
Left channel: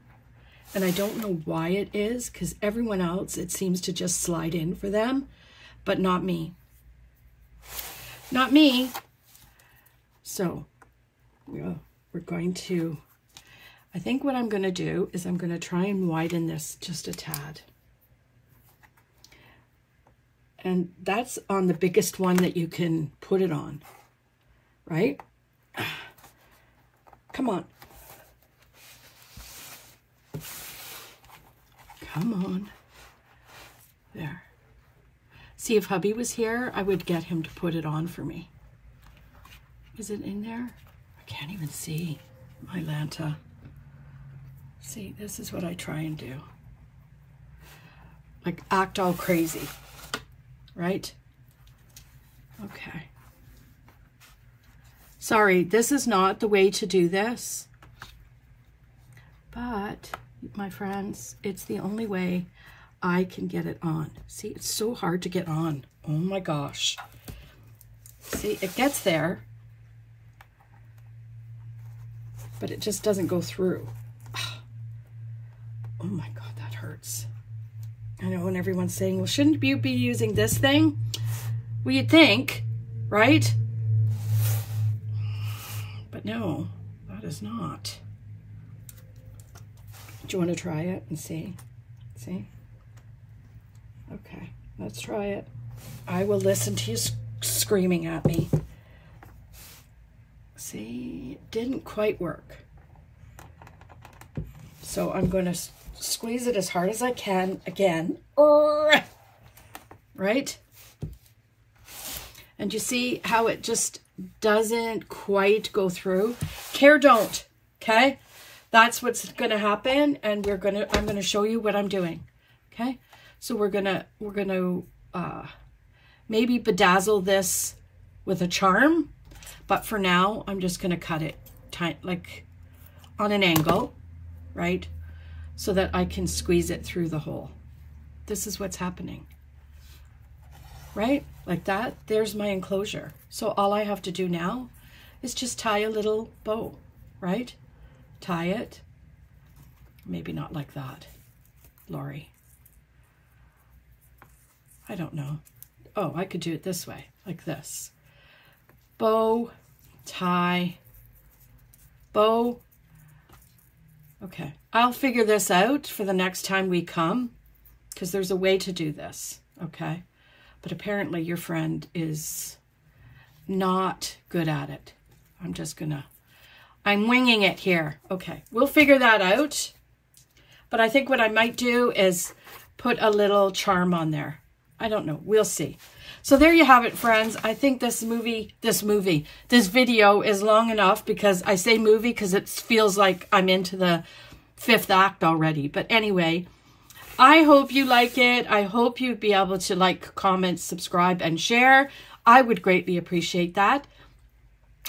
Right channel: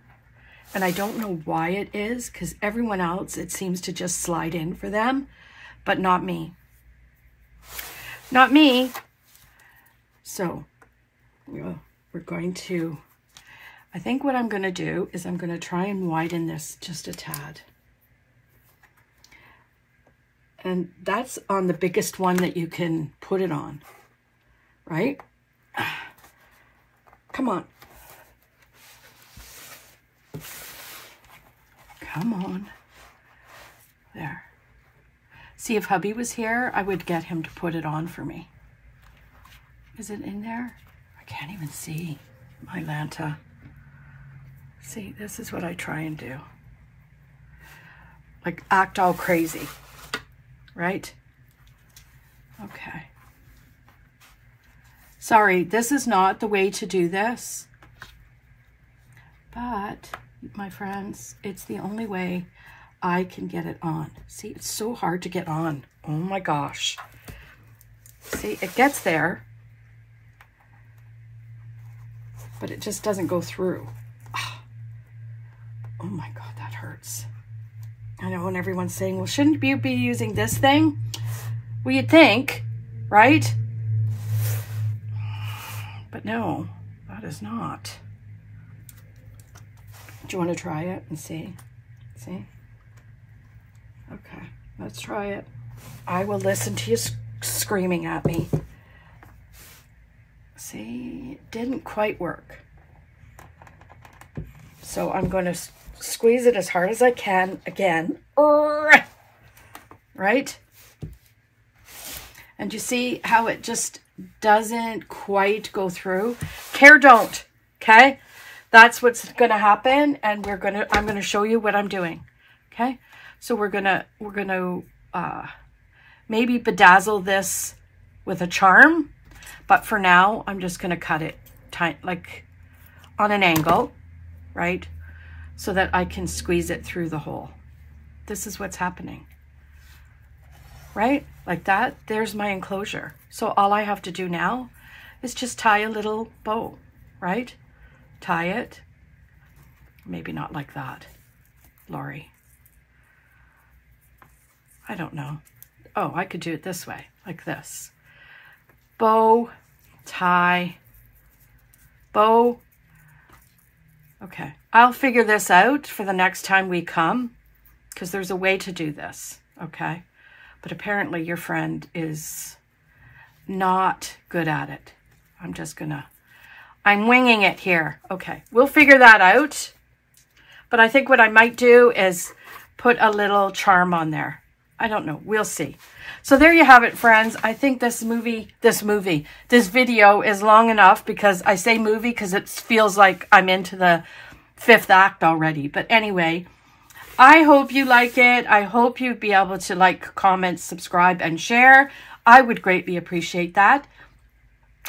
and I don't know why it is, because everyone else, it seems to just slide in for them, but not me. Not me. So, we're going to, I think what I'm going to do is I'm going to try and widen this just a tad. And that's on the biggest one that you can put it on, right? Come on. Come on. There. See, if hubby was here, I would get him to put it on for me. Is it in there? I can't even see. My Lanta. See, this is what I try and do. Like, act all crazy. Right? Okay. Sorry, this is not the way to do this. But, my friends, it's the only way I can get it on. See, it's so hard to get on. Oh my gosh. See, it gets there, but it just doesn't go through. Oh my God, that hurts. I know, and everyone's saying, well, shouldn't you be using this thing? Well, you'd think, right? But no, that is not. Do you want to try it and see? See? Okay, let's try it. I will listen to you screaming at me. See, it didn't quite work. So I'm going to squeeze it as hard as I can again. Right? And you see how it just doesn't quite go through? Care don't, okay? That's what's going to happen, and I'm going to show you what I'm doing. Okay? So we're gonna maybe bedazzle this with a charm, but for now I'm just gonna cut it tight, like on an angle, right? So that I can squeeze it through the hole. This is what's happening, right? Like that. There's my enclosure. So all I have to do now is just tie a little bow, right? Tie it. Maybe not like that, Lori. I don't know. Oh, I could do it this way, like this. bow, tie, bow. Okay, I'll figure this out for the next time we come, because there's a way to do this, okay? But apparently your friend is not good at it. I'm winging it here. Okay, we'll figure that out. But I think what I might do is put a little charm on there. I don't know, we'll see. So there you have it, friends. I think this video is long enough, because I say movie because it feels like I'm into the 5th act already. But anyway, I hope you like it. I hope you'd be able to like, comment, subscribe, and share. I would greatly appreciate that.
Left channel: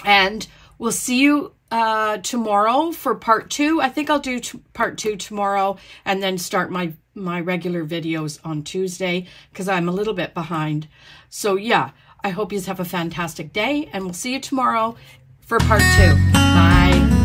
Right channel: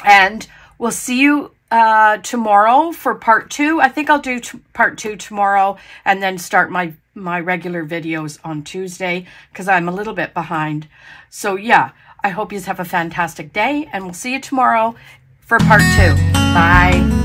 And we'll see you tomorrow for part 2. I think I'll do part 2 tomorrow, and then start my regular videos on Tuesday, because I'm a little bit behind. So yeah, I hope you have a fantastic day, and we'll see you tomorrow for part 2. Bye.